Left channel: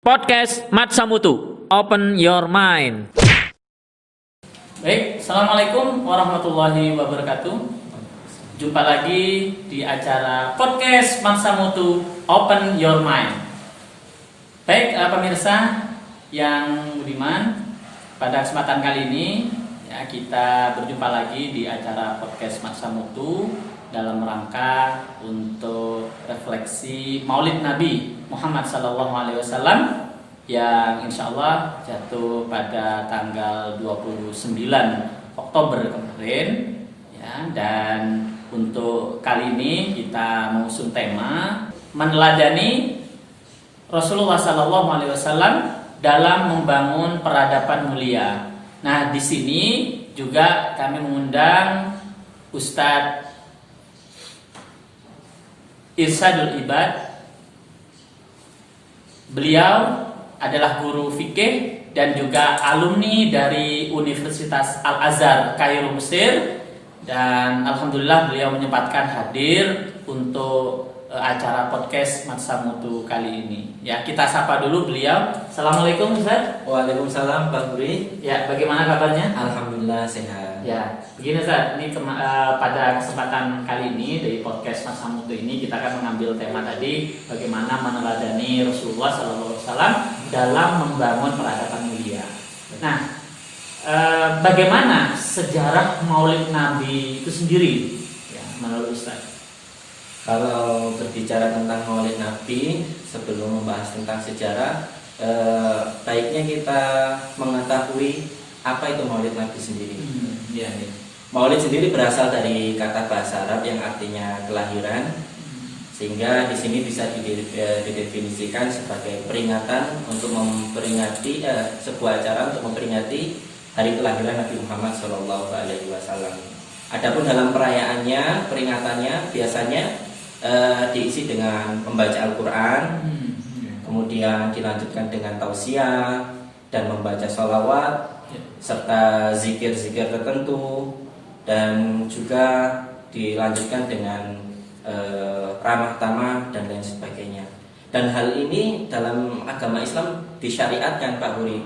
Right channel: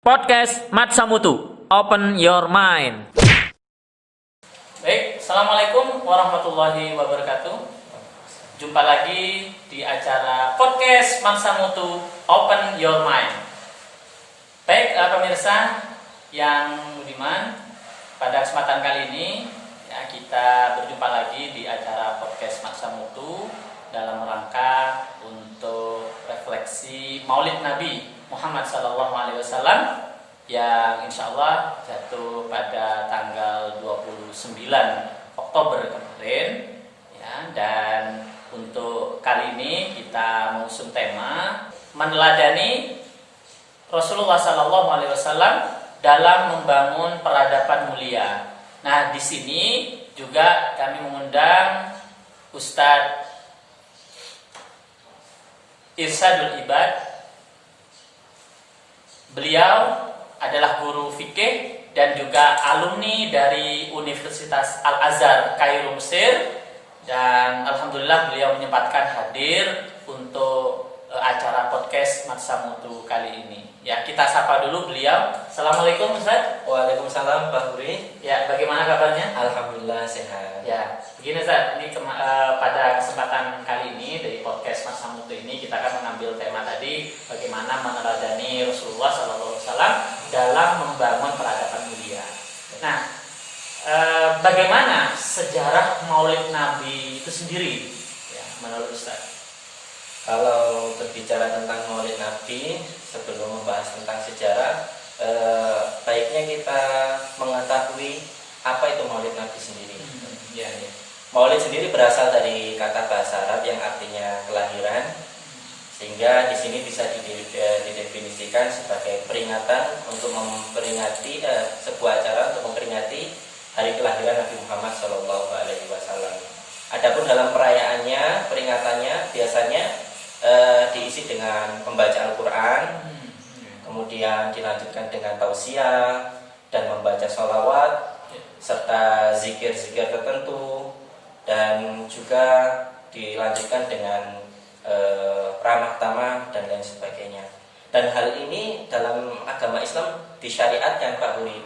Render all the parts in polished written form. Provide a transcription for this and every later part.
Podcast Matsamutu, open your mind. Baik, Assalamualaikum warahmatullahi wabarakatuh. Jumpa lagi di acara Podcast Matsamutu, open your mind. Baik, pemirsa yang budiman, pada kesempatan kali ini ya, kita berjumpa lagi di acara Podcast Matsamutu dalam rangka untuk refleksi Maulid Nabi Muhammad SAW yang insya Allah jatuh pada tanggal 29 Oktober kemarin ya, dan untuk kali ini kita mengusung tema meneladani Rasulullah SAW dalam membangun peradaban mulia. Nah, di sini juga kami mengundang Ustadz Irsyadul Ibad. Beliau adalah guru fikih dan juga alumni dari Universitas Al-Azhar Kairo, Mesir, dan alhamdulillah beliau menyempatkan hadir untuk acara podcast Matsamutu kali ini. Ya, kita sapa dulu beliau. Assalamualaikum Ustaz. Waalaikumsalam Pak Buri. Ya, bagaimana kabarnya? Alhamdulillah sehat. Ya, begini Ustaz, ini pada kesempatan kali ini dari podcast Matsamutu ini kita akan mengambil tema tadi bagaimana meneladani Rasulullah SAW dalam membangun peradaban mulia. Nah, bagaimana sejarah Maulid Nabi itu sendiri? Ya, menurut Ustaz. Kalau berbicara tentang Maulid Nabi, sebelum membahas tentang sejarah, baiknya kita mengetahui apa itu Maulid Nabi sendiri. Ya. Maulid sendiri berasal dari kata bahasa Arab yang artinya kelahiran, sehingga di sini bisa didefinisikan sebagai peringatan untuk memperingati sebuah acara untuk memperingati hari kelahiran Nabi Muhammad SAW. Adapun dalam perayaannya, peringatannya biasanya diisi dengan membaca Al-Quran, kemudian dilanjutkan dengan tausiah dan membaca sholawat serta zikir-zikir tertentu, dan juga dilanjutkan dengan ramah tamah dan lain sebagainya. Dan hal ini dalam agama Islam disyariatkan, Pak Huri.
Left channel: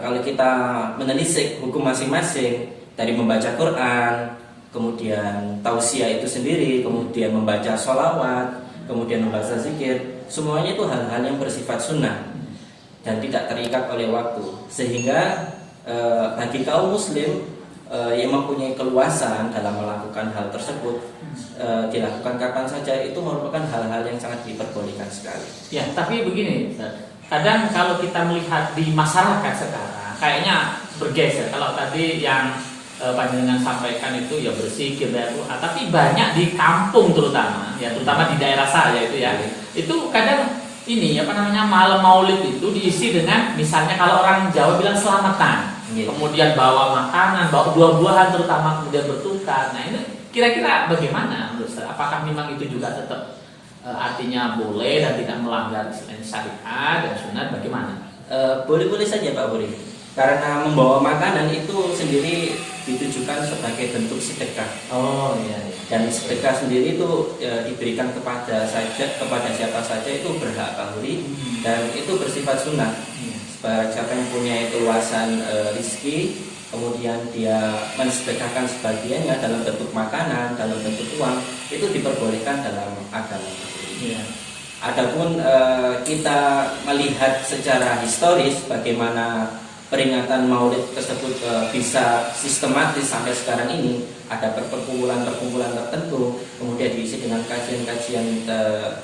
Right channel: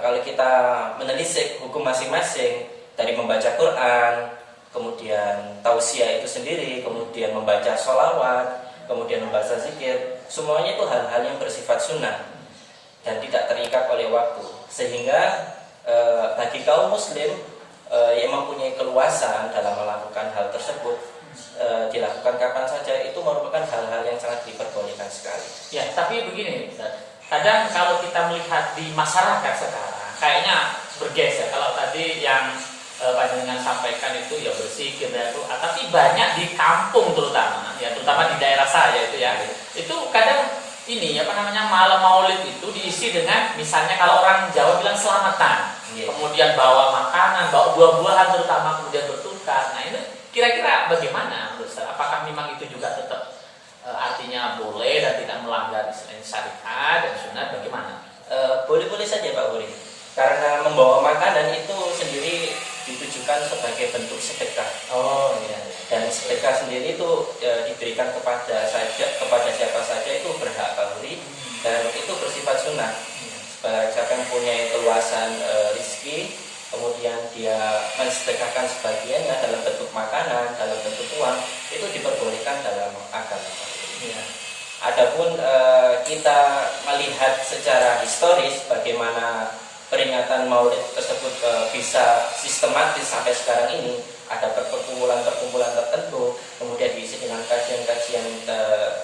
Kalau kita menelisik hukum masing-masing dari membaca Quran, kemudian tausiah itu sendiri, kemudian membaca sholawat, kemudian membaca zikir, semuanya itu hal-hal yang bersifat sunnah dan tidak terikat oleh waktu, sehingga bagi kaum muslim yang mempunyai keluasan dalam melakukan hal tersebut, dilakukan kapan saja, itu merupakan hal-hal yang sangat diperbolehkan sekali. Ya, tapi begini, kadang kalau kita melihat di masyarakat sekarang, kayaknya bergeser. Kalau tadi yang panjenengan sampaikan itu ya bersih, tapi banyak di kampung terutama di daerah saya itu ya, itu kadang ini malam Maulid itu diisi dengan misalnya kalau orang Jawa bilang selamatan, kemudian bawa makanan, bawa buah-buahan terutama, kemudian bertukar. Nah, ini kira-kira bagaimana menurut Ustaz? Apakah memang itu juga tetap artinya boleh dan tidak melanggar syariat dan sunat, bagaimana? Boleh-boleh saja Pak Buri, karena membawa makanan itu sendiri ditujukan sebagai bentuk sedekah. Oh iya. Dan sedekah sendiri itu diberikan kepada siapa saja itu berhak, Pak Huri, dan itu bersifat sunnah. Siapa yang punya keluasan rizki, kemudian dia mensedekahkan sebagiannya dalam bentuk makanan, dalam bentuk uang, itu diperbolehkan dalam agama, Pak Huri. Adapun kita melihat secara historis bagaimana peringatan Maulid tersebut bisa sistematis sampai sekarang ini, ada perkumpulan-perkumpulan tertentu, kemudian diisi dengan kajian-kajian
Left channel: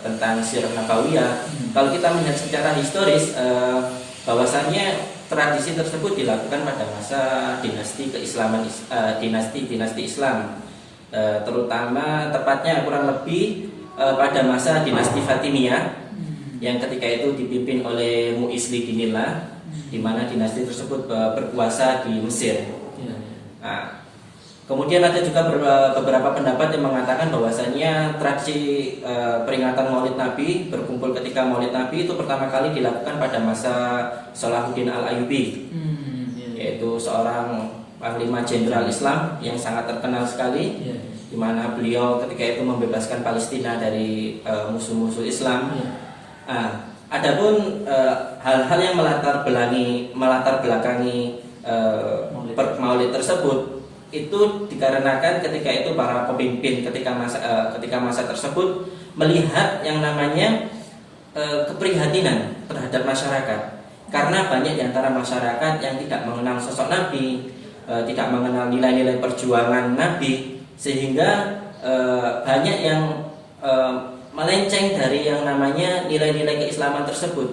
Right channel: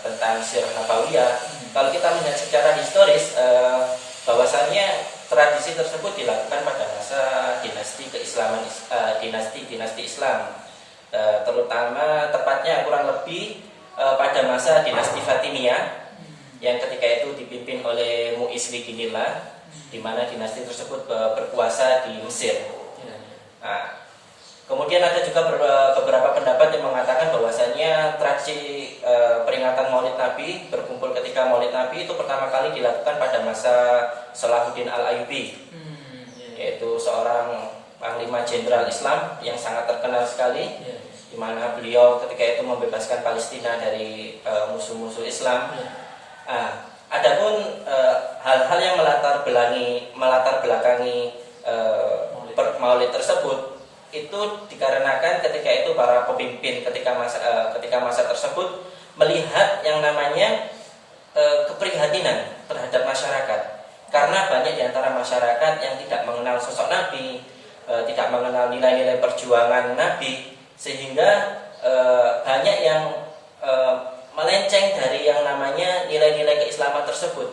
tentang sirah nabawiyah. Kalau kita melihat secara historis, bahwasannya tradisi tersebut dilakukan pada masa dinasti keislaman, dinasti Islam, terutama tepatnya kurang lebih pada masa dinasti Fatimiyah, yang ketika itu dipimpin oleh Mu'izz Bidinillah, di mana dinasti tersebut berkuasa di Mesir. Nah, kemudian ada juga beberapa pendapat yang mengatakan bahwasannya tradisi peringatan Maulid Nabi, berkumpul ketika Maulid Nabi itu pertama kali dilakukan pada masa Salahuddin Al-Ayyubi, yaitu seorang panglima jenderal Islam yang sangat terkenal sekali, di mana beliau ketika itu membebaskan Palestina dari musuh-musuh Islam. Adapun hal-hal yang melatar belakangi maulid tersebut itu dikarenakan ketika itu para pemimpin ketika masa tersebut melihat yang namanya keprihatinan terhadap masyarakat, karena banyak di antara masyarakat yang tidak mengenal sosok Nabi, tidak mengenal nilai-nilai perjuangan Nabi, sehingga banyak yang melenceng dari yang namanya nilai-nilai keislaman tersebut.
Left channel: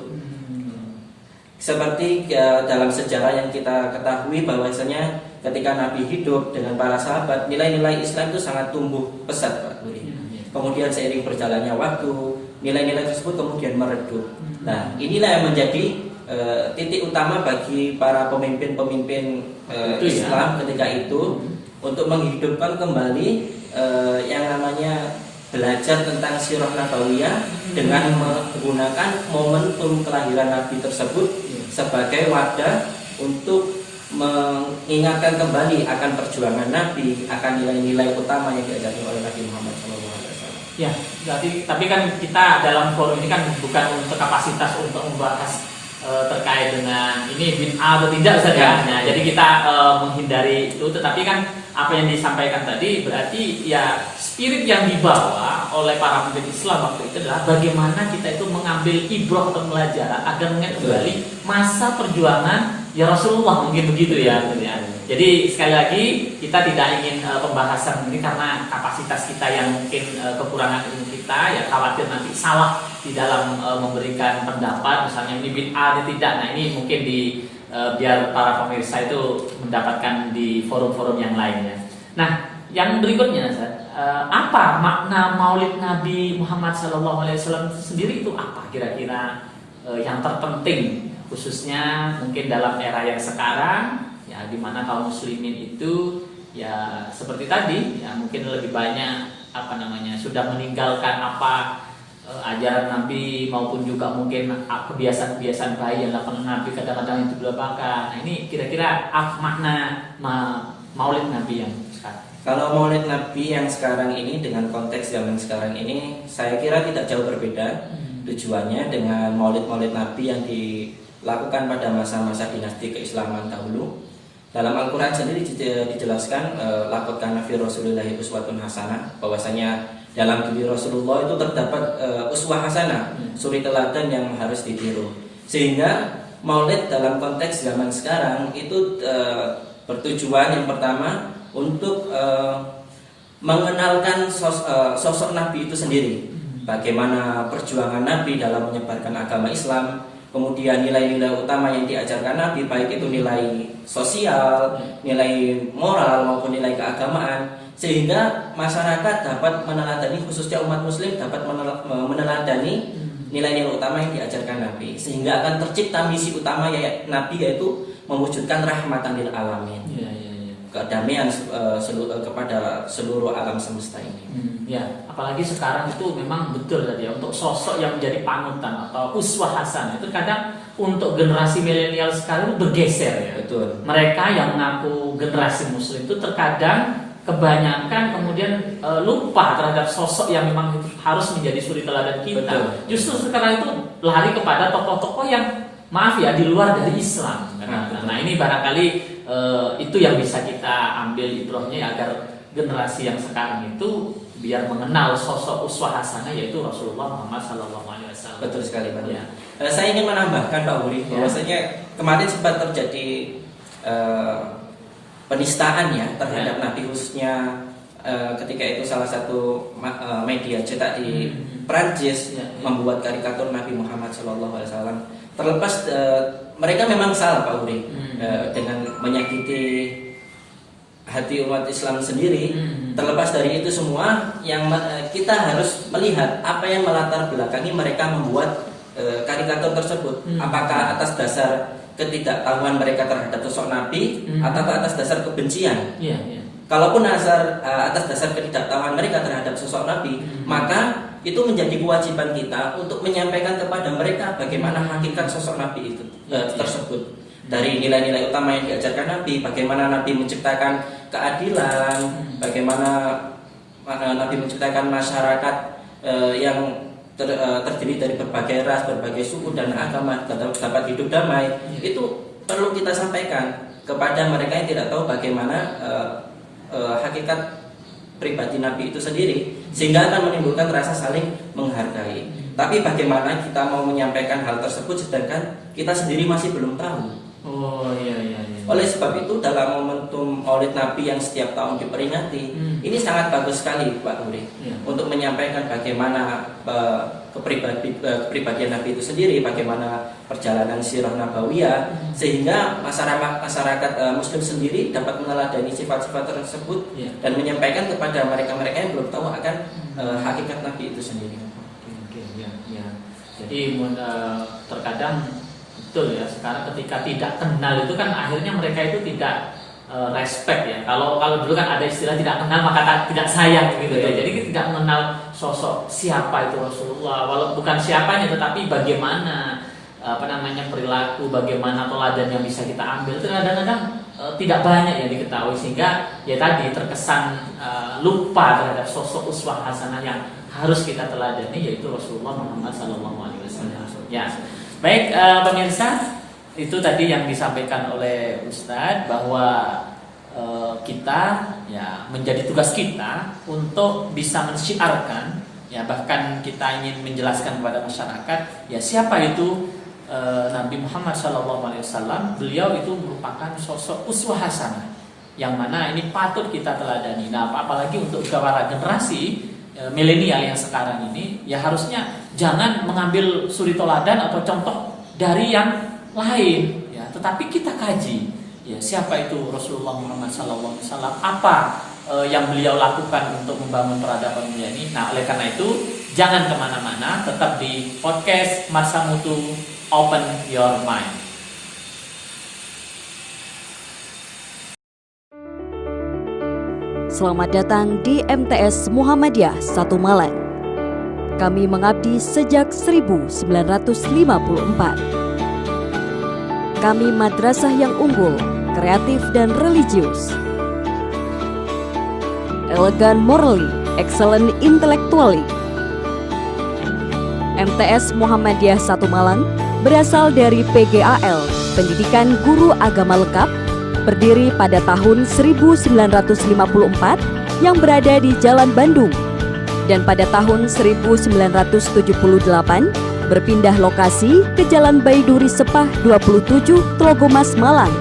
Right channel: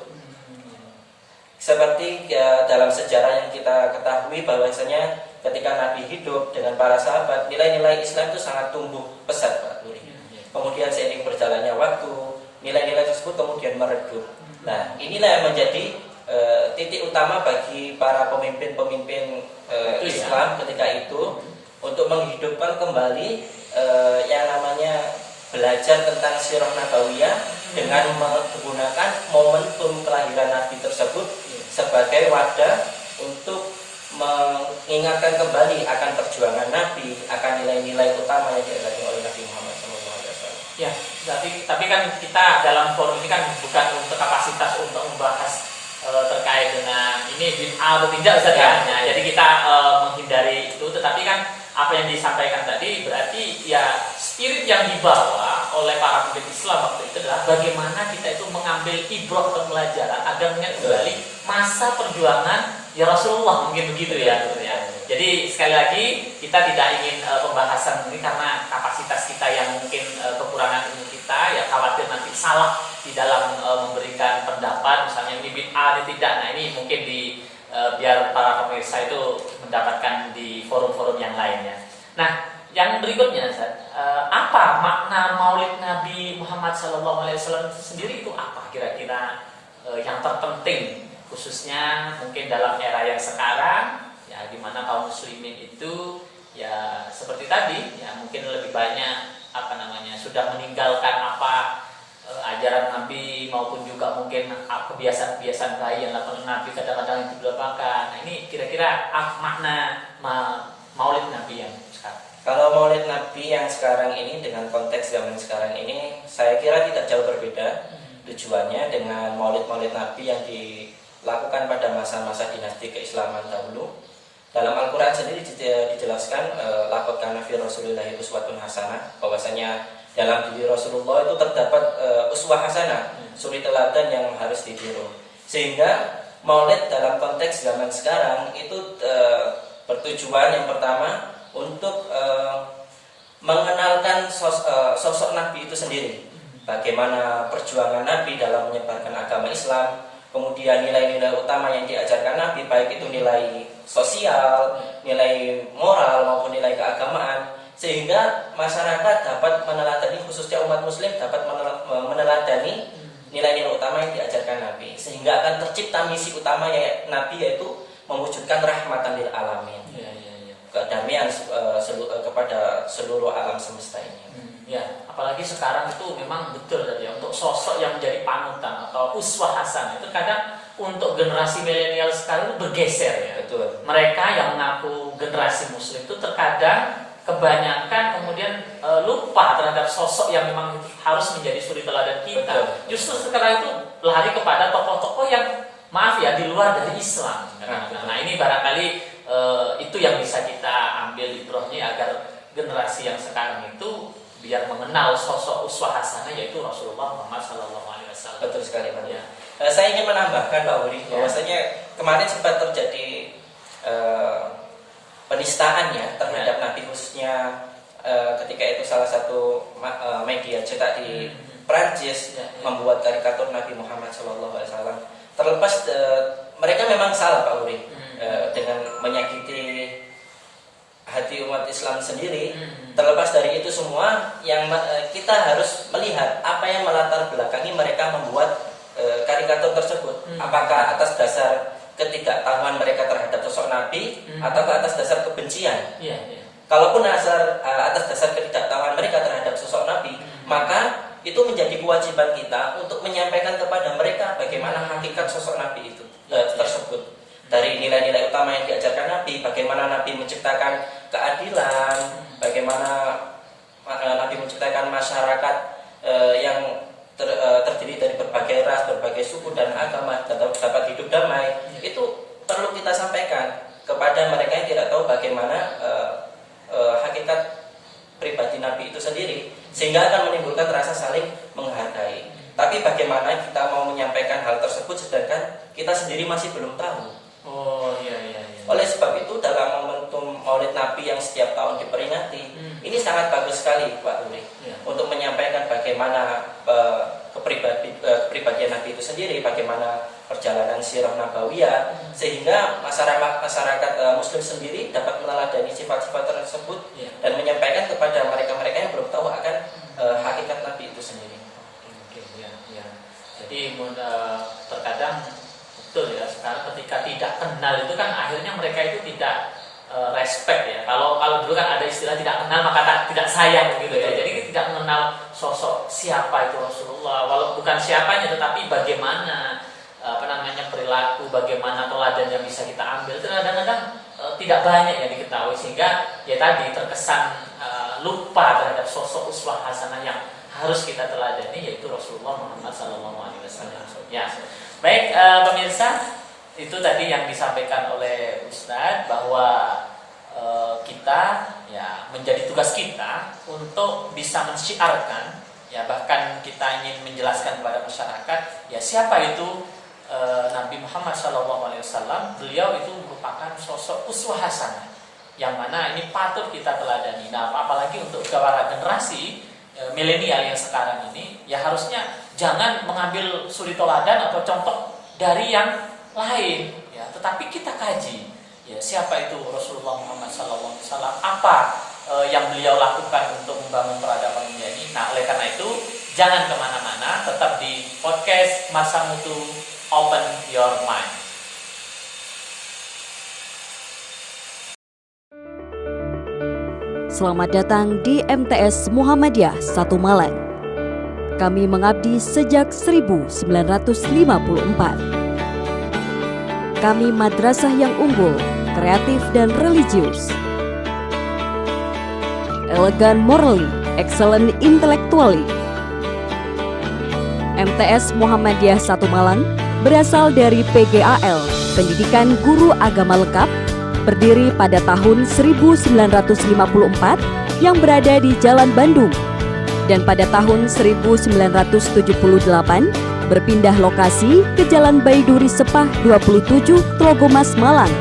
Seperti dalam sejarah yang kita ketahui bahwasanya ketika Nabi hidup dengan para sahabat, nilai-nilai Islam itu sangat tumbuh pesat, Pak Nuri. Kemudian seiring berjalannya waktu, nilai-nilai tersebut kemudian meredup. Nah, inilah yang menjadi titik utama bagi para pemimpin-pemimpin Islam ketika itu untuk menghidupkan kembali yang namanya belajar tentang sirah nabawiyah dengan menggunakan momentum kelahiran Nabi tersebut sebagai wadah untuk mengingatkan kembali akan perjuangan Nabi, akan nilai-nilai utama yang diajarkan oleh Nabi Muhammad SAW. Ya, tapi kan kita dalam forum ini kan bukan untuk kapasitas untuk membahas terkait dengan ini bid'ah atau tidak Ustaz ya. Nah, jadi kita menghindari itu, tetapi kan apa yang disampaikan tadi berarti ya spirit yang dibawa oleh para pemimpin Islam waktu itu adalah bagaimana kita itu mengambil ibrah atau pelajaran agar mengingat kembali masa perjuangan ya Rasulullah, mungkin begitu ya. Jadi sekali lagi kita tidak ingin pembahasan ini karena kapasitas kita yang mungkin kekurangan ilmu kita, ya khawatir nanti salah di dalam memberikan pendapat, misalnya ini bid'ah atau tidak. Nah ini mungkin biar para pemirsa itu mendapatkan di forum-forum yang lainnya. Nah, yang berikutnya, apa makna Maulid Nabi Muhammad SAW itu sendiri itu apa kira-kira yang terpenting, khususnya mungkin dalam era yang sekarang, ya di mana kaum muslimin itu ya seperti tadi, ya mungkin lebih banyak sudah meninggalkan ajaran Nabi maupun juga mungkin kebiasaan-kebiasaan baik yang dilakukan Nabi kadang-kadang itu dilupakan. Nah ini kira-kira makna Maulid Nabi yang sekarang. Kalau Maulid Nabi yang sekarang ini dengan konteks zaman sekarang ini, saya kira tidak jauh berbeda tujuannya dengan Maulid Nabi yang dilakukan pada masa-masa dinasti keislaman dahulu. Dalam Al-Quran sendiri dijelaskan laqad kana fi Rasulillahi uswatun hasanah, bahwasanya dalam diri Rasulullah itu terdapat uswah hasanah, suri teladan yang harus ditiru. Sehingga Maulid dalam konteks zaman sekarang itu bertujuan yang pertama untuk mengenalkan sosok Nabi itu sendiri, bagaimana perjuangan Nabi dalam menyebarkan agama Islam, kemudian nilai-nilai utama yang diajarkan Nabi, baik itu nilai sosial, nilai moral maupun nilai keagamaan, sehingga masyarakat dapat meneladani, khususnya umat muslim dapat meneladani nilai-nilai utama yang diajarkan Nabi, sehingga akan tercipta misi utama Nabi, yaitu mewujudkan rahmatan lil alamin, kedamaian kepada seluruh alam semesta ini. Ya, apalagi sekarang itu memang betul tadi ya, untuk sosok yang menjadi panutan atau uswah hasanah itu kadang untuk generasi milenial sekarang bergeser ya. Betul. Mereka yang mengaku generasi muslim itu terkadang kebanyakan kemudian lupa terhadap sosok yang memang harus menjadi suri teladan kita. Betul. Justru sekarang itu lari kepada tokoh-tokoh yang maaf ya di luar dari Islam. Nah ini barangkali itu yang bisa kita ambil ibrahnya agar generasi yang sekarang itu biar mengenal sosok uswah hasanah yaitu Rasulullah Muhammad SAW. Betul sekali Pak. Ya. Saya ingin menambahkan Pak Uri bahwasanya kemarin sempat terjadi penistaan ya terhadap Nabi, khususnya ketika itu salah satu media cetak di Prancis membuat karikatur Nabi Muhammad SAW. Terlepas mereka memang salah Pak Uri dengan menyakiti hati umat Islam sendiri. Terlepas dari itu semua, yang kita harus melihat apa yang melatar belakangi mereka membuat karikatur tersebut. Apakah atas dasar ketidaktahuan mereka terhadap sosok Nabi atau atas dasar kebencian? Kalaupun atas dasar ketidaktahuan mereka terhadap sosok Nabi, maka itu menjadi kewajiban kita untuk menyampaikan kepada mereka bagaimana hakikat sosok Nabi itu tersebut. Dari nilai-nilai utama yang diajarkan Nabi, bagaimana Nabi menciptakan keadilan, bagaimana Nabi menciptakan masyarakat yang terdiri dari berbagai ras, berbagai suku dan agama dapat hidup damai, itu perlu kita sampaikan kepada mereka yang tidak tahu bagaimana hakikat pribadi Nabi itu sendiri, sehingga akan menimbulkan rasa saling menghargai. Tapi bagaimana kita mau menyampaikan hal tersebut sedangkan kita sendiri masih belum tahu. Oh iya. Oleh sebab itu dalam momentum Maulid Nabi yang setiap tahun diperingati, ini sangat bagus sekali Pak Uri, untuk menyampaikan bagaimana kepribadian Nabi itu sendiri, bagaimana perjalanan sirah nabawiyah, sehingga masyarakat Muslim sendiri dapat meneladani sifat-sifat tersebut dan menyampaikan kepada mereka-mereka yang belum tahu akan hakikat Nabi itu sendiri. Ya. Jadi terkadang betul ya, sekarang ketika tidak kenal itu kan akhirnya mereka itu tidak respect ya. Kalau dulu kan ada istilah tidak kenal maka tidak sayang gitu ya. Jadi tidak mengenal sosok siapa itu Rasulullah, walau bukan siapanya tetapi bagaimana perilaku, bagaimana teladan yang bisa kita ambil itu kadang-kadang tidak banyak yang diketahui, sehingga ya tadi terkesan lupa terhadap sosok uswah hasanah yang harus kita teladani, yaitu Rasulullah Muhammad SAW. Ya. Baik pemirsa, itu tadi yang disampaikan oleh Ustadz bahwa kita ya menjadi tugas kita untuk bisa mensyiarkan ya, bahkan kita ingin menjelaskan kepada masyarakat ya siapa itu Nabi Muhammad SAW. Beliau itu merupakan sosok uswah hasanah yang mana ini patut kita teladani. Nah, apalagi untuk para generasi milenial yang sekarang ini ya harusnya jangan mengambil suri teladan atau contoh dari yang lain ya, tetapi kita kaji ya siapa itu Rasulullah Muhammad SAW, apa yang beliau lakukan untuk membangun peradaban dunia ini. Nah, oleh karena itu jangan kemana-mana, tetap di podcast Masa Mutu Open Your Mind. Selamat datang di MTS Muhammadiyah 1 Malang. Kami mengabdi sejak 1954. Kami madrasah yang unggul, kreatif dan religius. Elegan morally, excellent intellectually. MTS Muhammadiyah 1 Malang berasal dari PGAL, Pendidikan Guru Agama Lengkap, berdiri pada tahun 1954 yang berada di Jalan Bandung, dan pada tahun 1978 berpindah lokasi ke Jalan Baiduri Sepah 27, Tlogomas, Malang.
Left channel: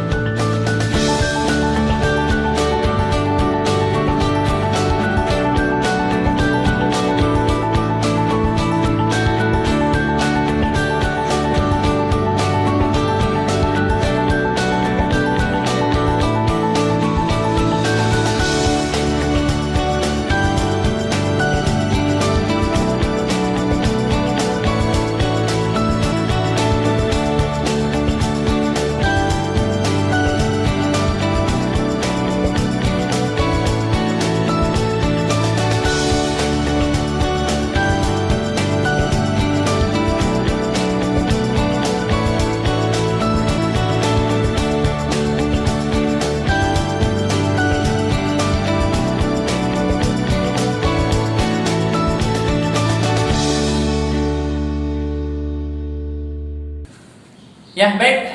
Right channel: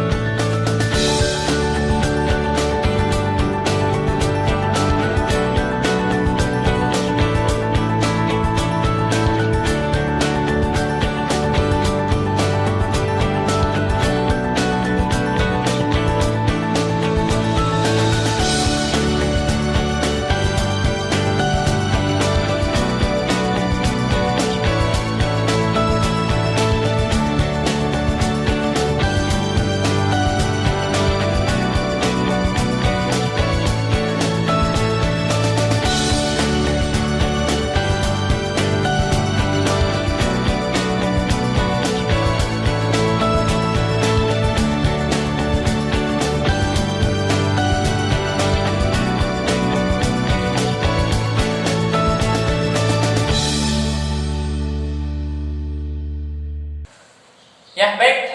Ya baik,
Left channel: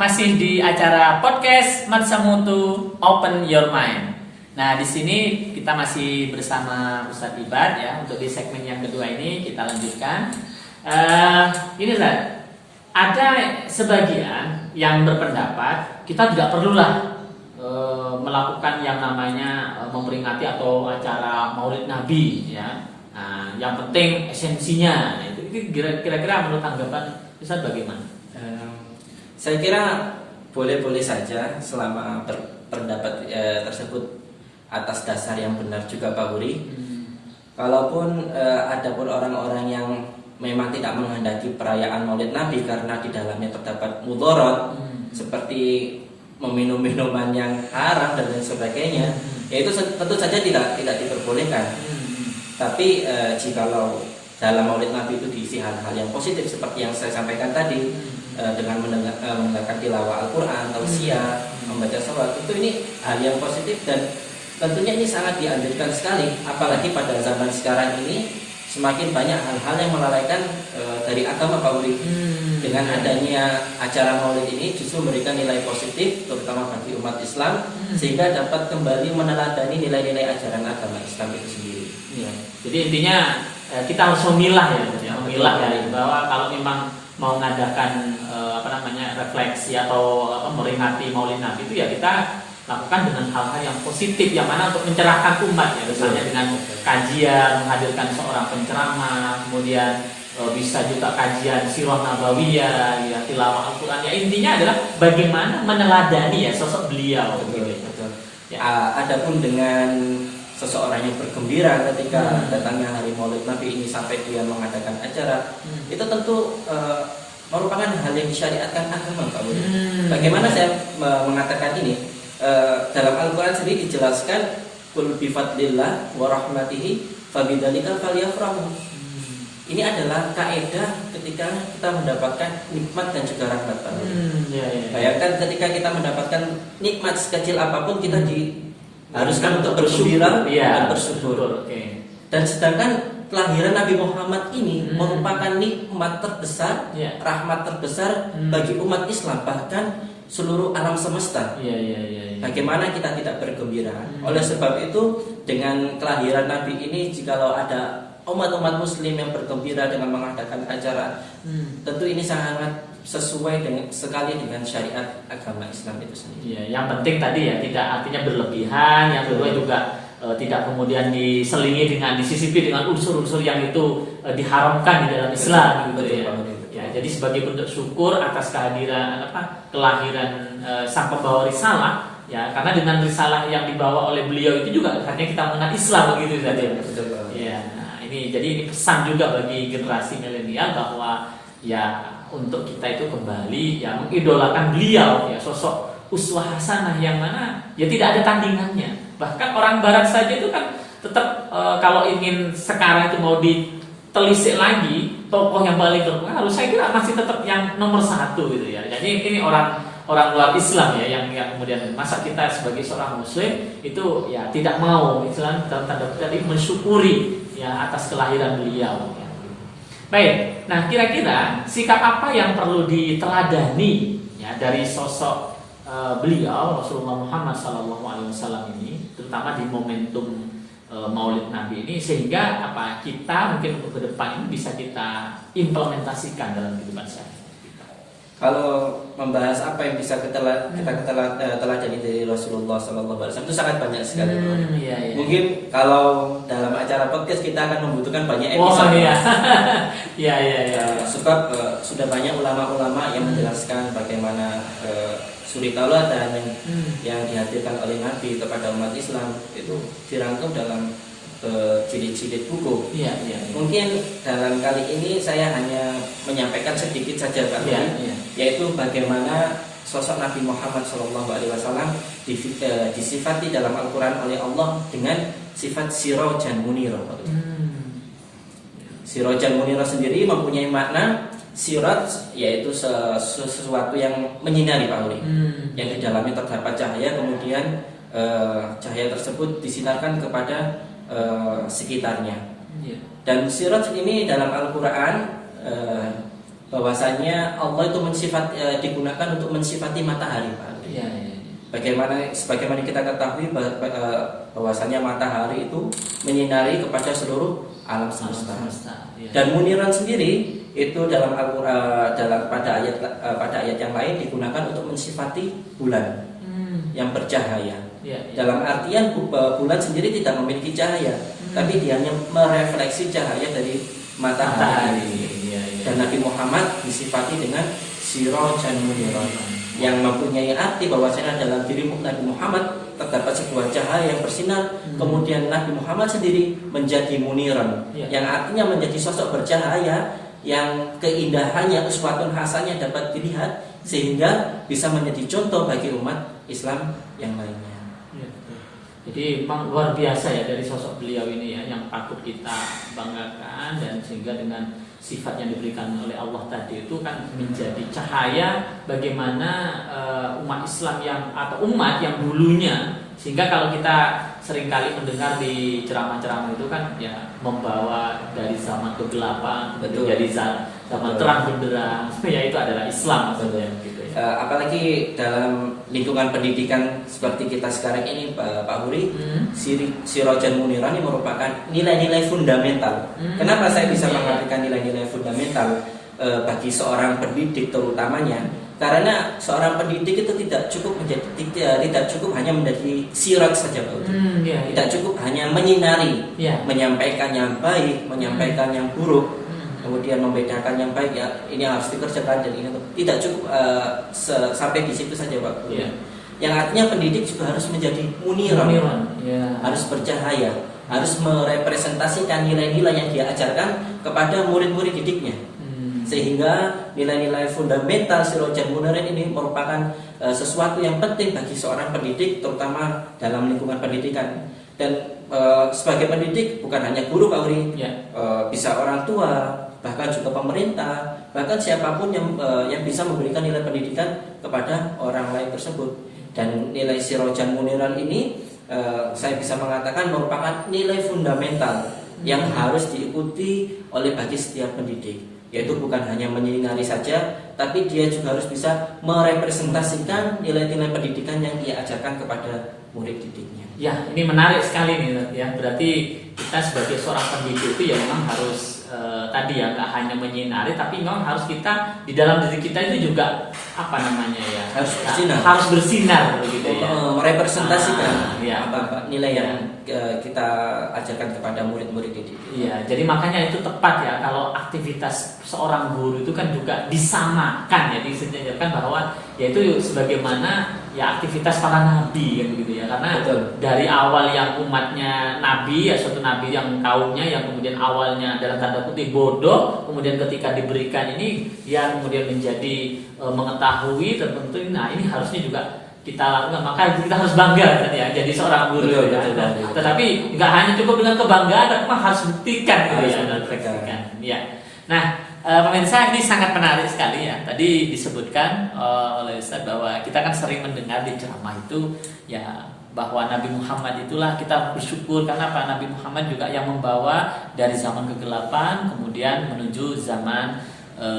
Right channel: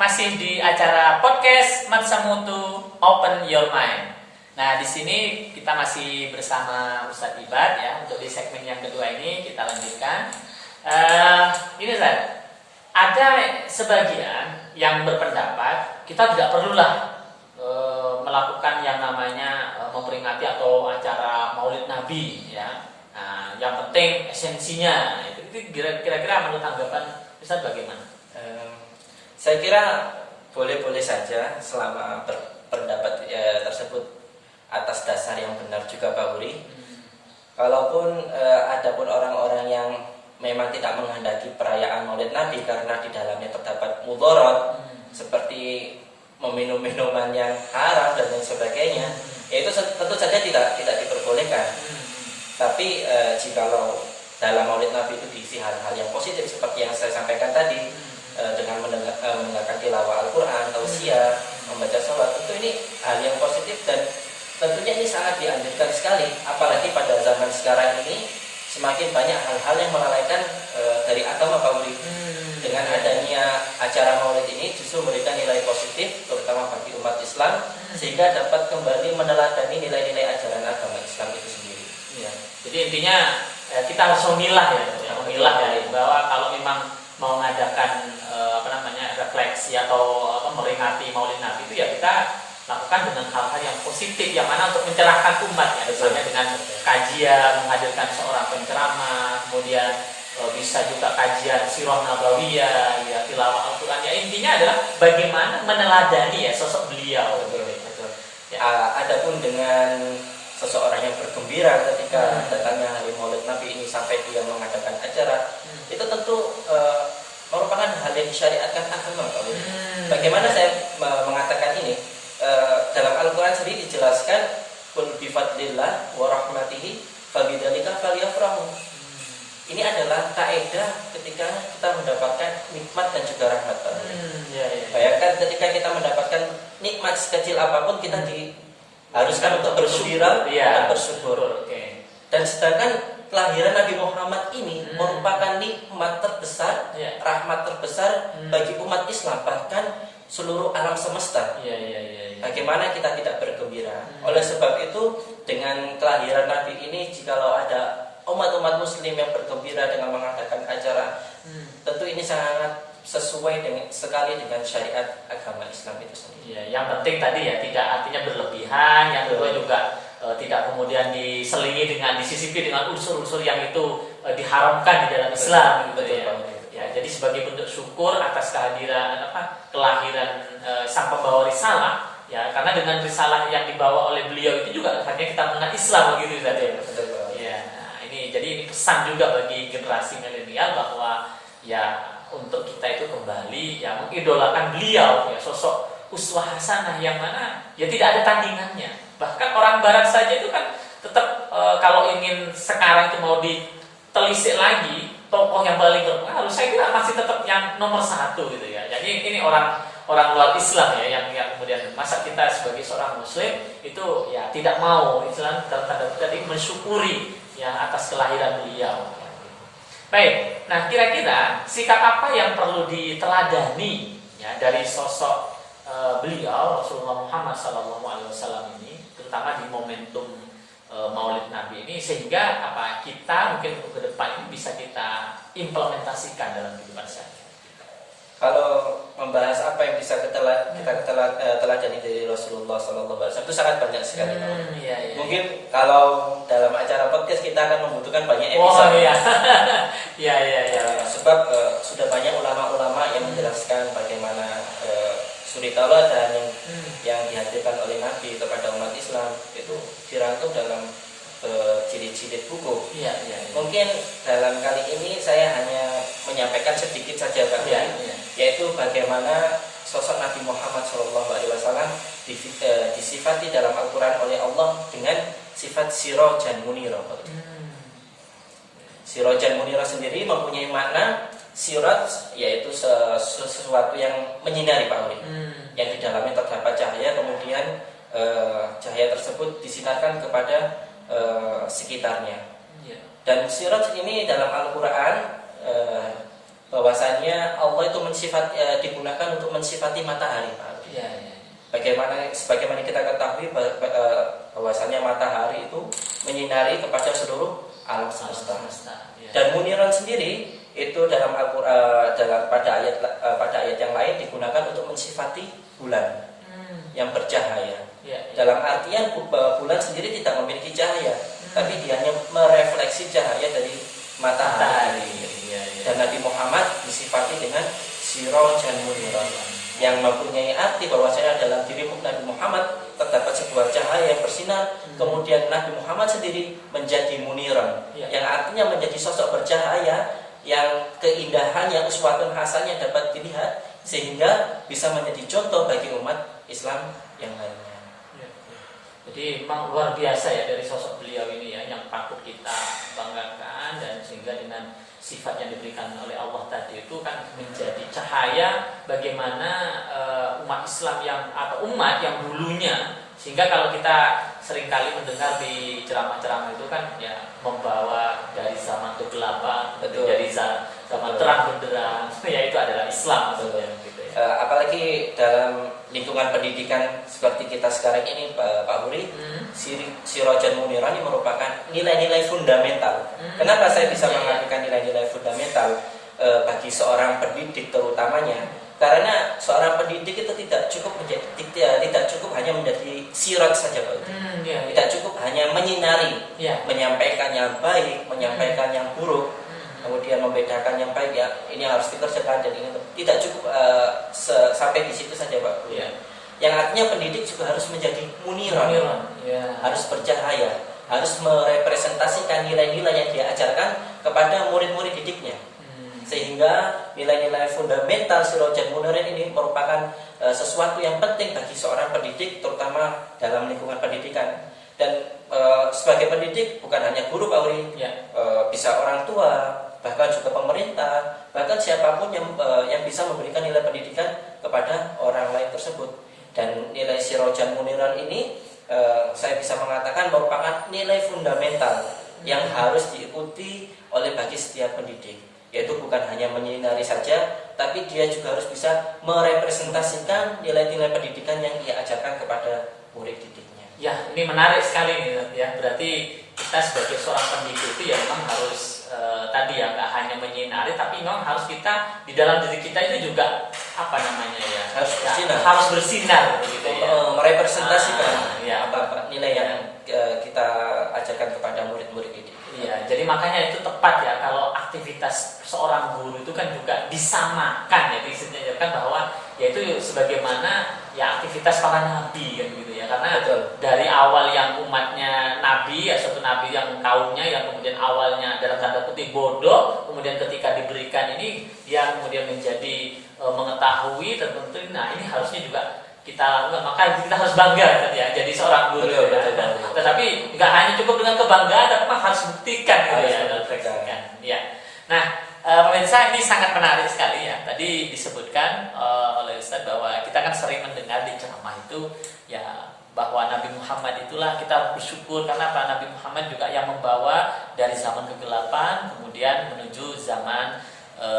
masih di acara podcast Masa Mutu Open Your Mind. Nah, di sini kita masih bersama Ustadz Ibad ya. Untuk di segmen yang kedua ini kita lanjutkan. Ini Ustaz, ada sebagian yang berpendapat kita tidak perlulah melakukan yang namanya memperingati atau acara Maulid Nabi ya. Nah, yang penting esensinya. Itu kira-kira menurut tanggapan Ustadz bagaimana? Saya kira boleh-boleh saja selama pendapat tersebut atas dasar yang benar juga Pak Wuri. Kalaupun ada pun orang-orang yang memang tidak menghendaki perayaan Maulid Nabi karena di dalamnya terdapat mudarat seperti meminum minuman yang haram dan lain sebagainya, ya itu tentu saja tidak diperbolehkan. Tapi jikalau dalam Maulid Nabi itu diisi hal-hal yang positif seperti yang saya sampaikan tadi, dengan mendengarkan tilawah Al-Quran, tausiah, membaca sholat, itu ini hal yang positif dan tentunya ini sangat dianjurkan sekali. Apalagi pada zaman sekarang ini semakin banyak hal-hal yang melalaikan dari agama Pak Uri. Dengan adanya acara Maulid ini justru memberikan nilai positif terutama bagi umat Islam sehingga dapat kembali meneladani nilai-nilai ajaran agama Islam itu sendiri. Ya. Jadi intinya kita harus memilah memilah ya bahwa kalau memang mau mengadakan refleksi atau memperingati Maulid Nabi itu ya kita lakukan dengan hal-hal yang positif yang mana untuk mencerahkan umat ya, misalnya dengan kajian, menghadirkan seorang penceramah, kemudian bisa juga kajian sirah nabawiyah, ya tilawah Al-Qur'an. Ya intinya adalah bagaimana meneladani ya sosok beliau. Betul. Ya, adapun dengan seseorang yang bergembira ketika datangnya hari Maulid Nabi ini sampai dia mengadakan acara, itu tentu merupakan hal yang disyariatkan agama, Pak Budi. Bagaimana saya mengatakan ini? Dalam Al-Quran sendiri dijelaskan kul bifadlillah wa rahmatihi fabidzalika falyafrahu. Ini adalah kaidah ketika kita mendapatkan nikmat dan juga rahmat. Bayangkan ketika kita mendapatkan nikmat sekecil apapun kita diharuskan untuk bergembira dan bersyukur. Dan sedangkan kelahiran Nabi Muhammad ini merupakan nikmat terbesar, rahmat terbesar bagi umat Islam, bahkan seluruh alam semesta. Bagaimana kita tidak bergembira? Oleh sebab itu, dengan kelahiran Nabi ini, jikalau ada umat-umat Muslim yang bergembira dengan mengadakan acara, tentu ini sangat sesuai sekali dengan syariat agama Islam itu sendiri. Yang penting tadi ya tidak artinya berlebihan. Yang kedua juga tidak kemudian diselingi dengan disisipi dengan unsur-unsur yang itu diharamkan di dalam Islam. Jadi sebagai bentuk syukur atas kelahiran sang pembawa risalah, ya karena dengan risalah yang dibawa oleh beliau itu juga akhirnya kita mengenal Islam begitu tadi. Nah, ini pesan juga bagi generasi milenial bahwa ya untuk kita itu kembali ya mengidolakan beliau ya, sosok uswah hasanah yang mana ya tidak ada tandingannya. Bahkan orang barat saja itu kan tetap kalau ingin sekarang itu mau ditelisik lagi tokoh yang paling berpengaruh, saya kira masih tetap yang nomor satu gitu ya. Jadi ini orang luar Islam ya yang kemudian masa kita sebagai seorang Muslim itu ya tidak mau Islam dalam tanda kutip mensyukuri ya atas kelahiran beliau. Baik, nah kira-kira sikap apa yang perlu diteladani ya dari sosok beliau Rasulullah Muhammad SAW ini, terutama di momentum Maulid Nabi ini, sehingga kita mungkin untuk ke depan ini bisa kita implementasikan dalam kehidupan sehari-hari. Kalau membahas apa yang bisa kita teladani dari Rasulullah SAW itu sangat banyak sekali. Mungkin kalau dalam acara podcast kita akan membutuhkan banyak episode. Sebab sudah banyak ulama-ulama yang menjelaskan bagaimana suri tauladan yang dihadirkan oleh Nabi kepada umat Islam itu dirangkum dalam jilid-jilid buku. Mungkin dalam kali ini saya hanya menyampaikan sedikit saja Pak, yaitu bagaimana sosok Nabi Muhammad SAW disifati dalam Al-Quran oleh Allah dengan sifat sirajan munira. Sirajan munira sendiri mempunyai makna siraj, yaitu sesuatu yang menyinari Pak Uli, yang di dalamnya terdapat cahaya, kemudian cahaya tersebut disinarkan kepada sekitarnya. Dan siraj ini dalam Al-Quran bahwasanya Allah itu digunakan untuk mensifati matahari. Sebagaimana kita ketahui bahwasanya matahari itu menyinari kepada seluruh alam semesta. Dan muniran sendiri itu dalam Al-Quran pada ayat yang lain digunakan untuk mensifati bulan yang bercahaya. Dalam artian bulan sendiri tidak memiliki cahaya, tapi dia hanya merefleksi cahaya dari matahari. Dan Nabi Muhammad disifati dengan sirajan munira, yang mempunyai arti bahwasanya dalam diri Nabi Muhammad terdapat sebuah cahaya yang bersinar. Kemudian Nabi Muhammad sendiri menjadi muniran, yang artinya menjadi sosok bercahaya yang keindahannya, uswatun hasanah dapat dilihat, sehingga bisa menjadi contoh bagi umat Islam yang lainnya. Jadi memang luar biasa ya dari sosok beliau ini ya, yang patut kita banggakan, dan sehingga dengan sifat yang diberikan oleh Allah tadi itu kan menjadi cahaya bagaimana umat Islam yang atau umat yang dulunya, sehingga kalau kita seringkali mendengar di ceramah-ceramah itu kan ya membawa dari zaman kegelapan Betul. menjadi zaman terang benderang, ya itu adalah Islam maksudnya gitu ya. Apalagi dalam lingkungan pendidikan seperti kita sekarang ini, Pak Huri, Sirajan Muniran ini merupakan nilai-nilai fundamental. Kenapa saya bisa mengartikan nilai-nilai fundamental bagi seorang pendidik terutamanya? Karena seorang pendidik itu tidak cukup hanya menjadi sirat saja, Pak Huri. Tidak cukup hanya menyinari, menyampaikan yang baik, menyampaikan yang buruk, kemudian membedakan yang baik, ya ini harus dikerjakan dan ini tidak cukup sampai di situ saja, Pak Huri. Yang artinya pendidik juga harus menjadi muniran, harus bercahaya, harus merepresentasikan nilai-nilai yang dia ajarkan kepada murid-murid didiknya. Sehingga nilai-nilai fundamental Sirajan Muniran ini merupakan sesuatu yang penting bagi seorang pendidik, terutama dalam lingkungan pendidikan. Dan sebagai pendidik bukan hanya guru, Pak Huri, bisa orang tua, bahkan juga pemerintah, bahkan siapapun yang bisa memberikan nilai pendidikan kepada orang lain tersebut. Dan nilai Sirajan Muniran ini saya bisa mengatakan merupakan nilai fundamental yang harus diikuti oleh bagi setiap pendidik. Yaitu bukan hanya menyinari saja, tapi dia juga harus bisa merepresentasikan nilai-nilai pendidikan yang dia ajarkan kepada murid didiknya. Ya, ini menarik sekali nih ya. Berarti kita sebagai seorang pendidik itu ya memang harus tadi ya nggak hanya menyinari, tapi memang harus kita di dalam diri kita itu juga harus bersinar begitu ya. Merepresentasikan apa nilai yang kita ajarkan kepada murid-murid didik. Iya, jadi makanya itu tepat ya kalau aktivitas seorang guru itu kan juga disamakan ya, disejajarkan bahwa yaitu sebagaimana ya aktivitas para nabi kan gitu ya. Karena dari awal yang umatnya nabi ya, suatu nabi yang kaumnya yang kemudian awalnya dalam tanda kutip bodoh, kemudian ketika diberikan ini dia kemudian menjadi mengetahui tertentu. Nah, ini harusnya juga kita lakukan, maka kita harus bangga kan ya jadi seorang guru. Tetapi nggak hanya cukup dengan kebanggaan, tapi harus buktikan gitu ya, refleksikan. Ya. Nah, pemirsa, ini sangat menarik sekali ya. Tadi disebutkan oleh Ustaz bahwa kita kan sering mendengar di ceramah itu ya bahwa Nabi Muhammad itulah kita bersyukur karena apa? Nabi Muhammad juga yang membawa dari zaman kegelapan kemudian menuju zaman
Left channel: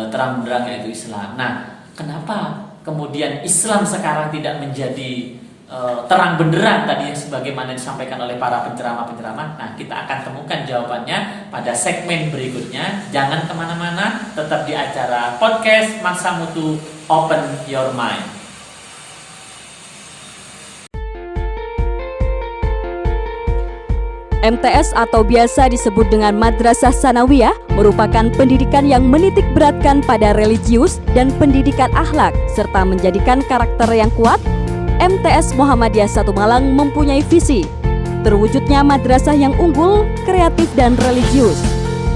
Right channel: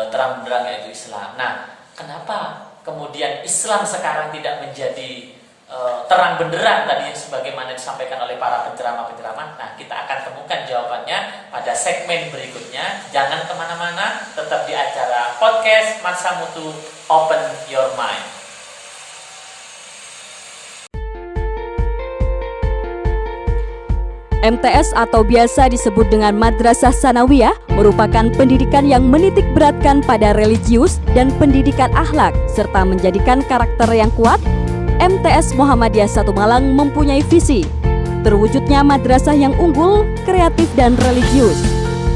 terang benderang yaitu Islam. Nah, kenapa kemudian Islam sekarang tidak menjadi terang benderang tadi sebagaimana disampaikan oleh para penceramah-penceramah? Nah, kita akan temukan jawabannya pada segmen berikutnya. Jangan kemana-mana, tetap di acara podcast Masa Mutu Open Your Mind. MTS atau biasa disebut dengan Madrasah Sanawiyah merupakan pendidikan yang menitik beratkan pada religius dan pendidikan akhlak serta menjadikan karakter yang kuat. MTS Muhammadiyah 1 Malang mempunyai visi terwujudnya madrasah yang unggul, kreatif dan religius,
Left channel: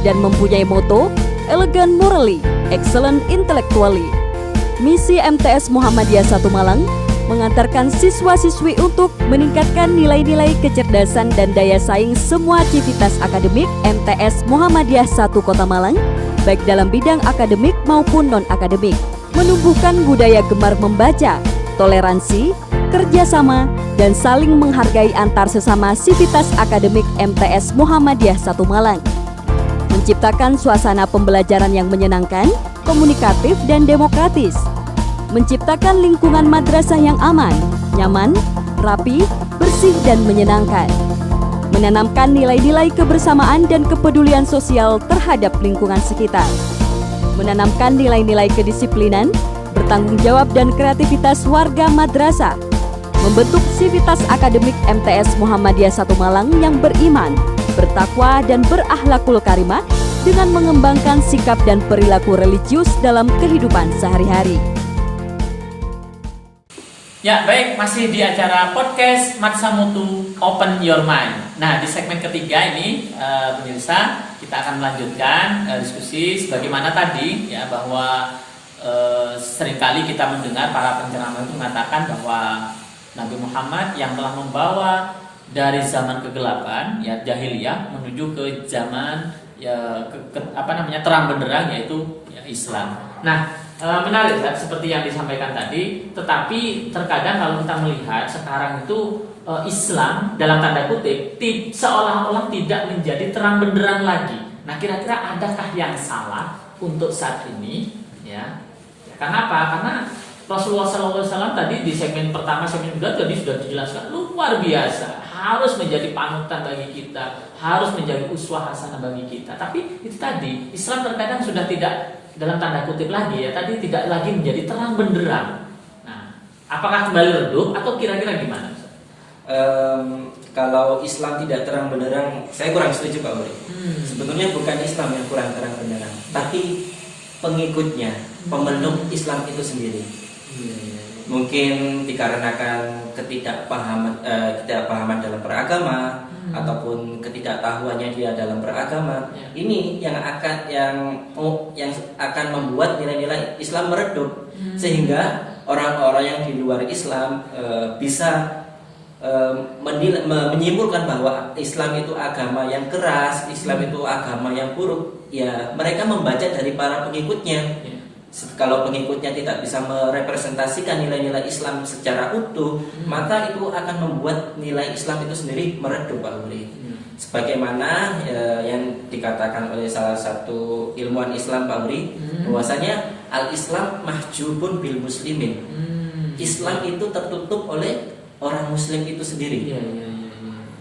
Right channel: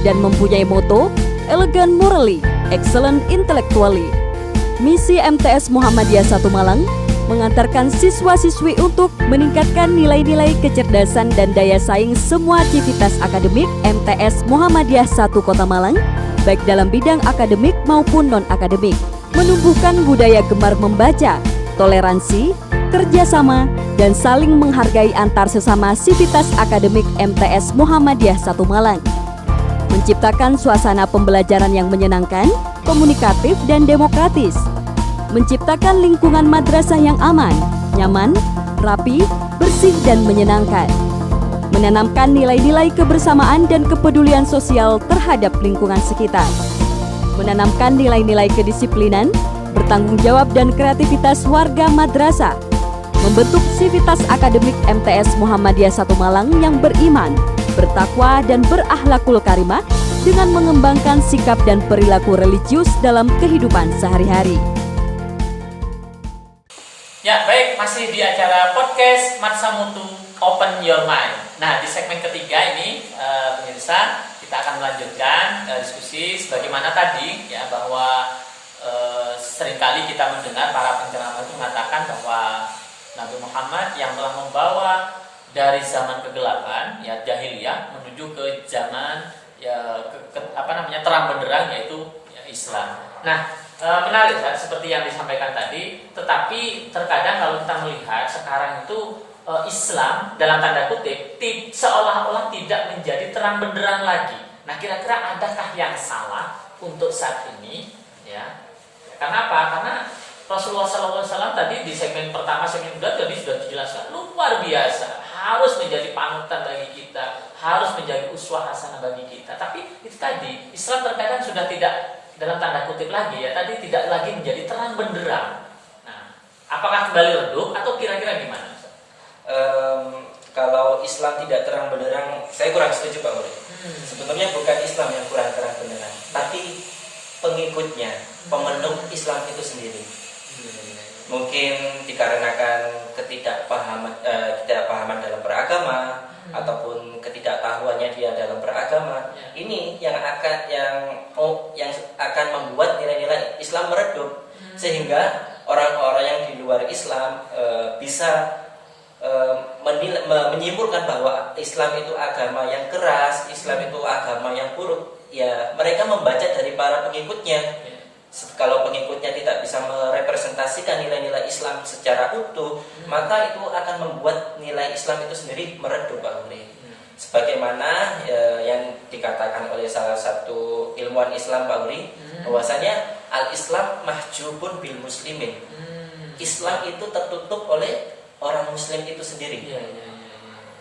dan mempunyai moto elegant morally, excellent intellectually. Misi MTS Muhammadiyah 1 Malang mengantarkan siswa-siswi untuk meningkatkan nilai-nilai kecerdasan dan daya saing semua aktivitas akademik MTS Muhammadiyah 1 Kota Malang, baik dalam bidang akademik maupun non-akademik, menumbuhkan budaya gemar membaca, toleransi, kerjasama, dan saling menghargai antar sesama sivitas akademik MTS Muhammadiyah 1 Malang, menciptakan suasana pembelajaran yang menyenangkan, komunikatif, dan demokratis, menciptakan lingkungan madrasah yang aman, nyaman, rapi, bersih, dan menyenangkan, menanamkan nilai-nilai kebersamaan dan kepedulian sosial terhadap lingkungan sekitar, menanamkan nilai-nilai kedisiplinan, bertanggung jawab dan kreativitas warga madrasah, membentuk sivitas akademik MTS Muhammadiyah 1 Malang yang beriman, bertakwa, dan berakhlakul karimah dengan mengembangkan sikap dan perilaku religius dalam kehidupan sehari-hari. Ya, baik, masih di acara podcast Masa Mutu Open Your Mind. Nah, di segmen ketiga ini, pemirsa, kita akan melanjutkan diskusi sebagaimana tadi ya, bahwa seringkali kita mendengar para penceramah itu mengatakan bahwa Nabi Muhammad yang telah membawa dari zaman kegelapan ya jahiliyah menuju ke zaman ya terang benderang yaitu ya, Islam. Nah, menarik kan seperti yang disampaikan tadi, tetapi terkadang kalau kita melihat sekarang itu Islam dalam tanda kutip seolah-olah tidak menjadi terang benderang lagi. Nah, kira-kira adakah yang salah untuk saat ini? Ya, kenapa? Karena Rasulullah SAW tadi di segmen pertama, segmen kedua tadi sudah dijelaskan luar biasa, harus menjadi panutan bagi kita, harus menjadi uswah hasanah bagi kita. Tapi itu tadi Islam terkadang sudah tidak dalam tanda kutip lagi ya, tadi tidak lagi menjadi terang benderang. Nah, apakah kembali redup atau kira-kira gimana? Kalau Islam tidak terang benderang, saya kurang setuju Pak Uri. Sebetulnya bukan Islam yang kurang terang benderang, tapi pengikutnya, pemeluk Islam itu sendiri. Mungkin dikarenakan ketidakpahaman dalam beragama ataupun ketidaktahuannya dia dalam beragama. Ini yang akan membuat nilai-nilai Islam meredup, sehingga orang-orang yang di luar Islam bisa menyimpulkan bahwa Islam itu agama yang keras, Islam itu agama yang buruk. Ya, mereka membaca dari para pengikutnya. Kalau pengikutnya tidak bisa merepresentasikan nilai-nilai Islam secara utuh, maka itu akan membuat nilai Islam itu sendiri meredup, Pak Uri. Sebagaimana yang dikatakan oleh salah satu ilmuwan Islam, Pak Uri, bahwasanya al-Islam mahjubun bil muslimin. Islam itu tertutup oleh orang Muslim itu sendiri.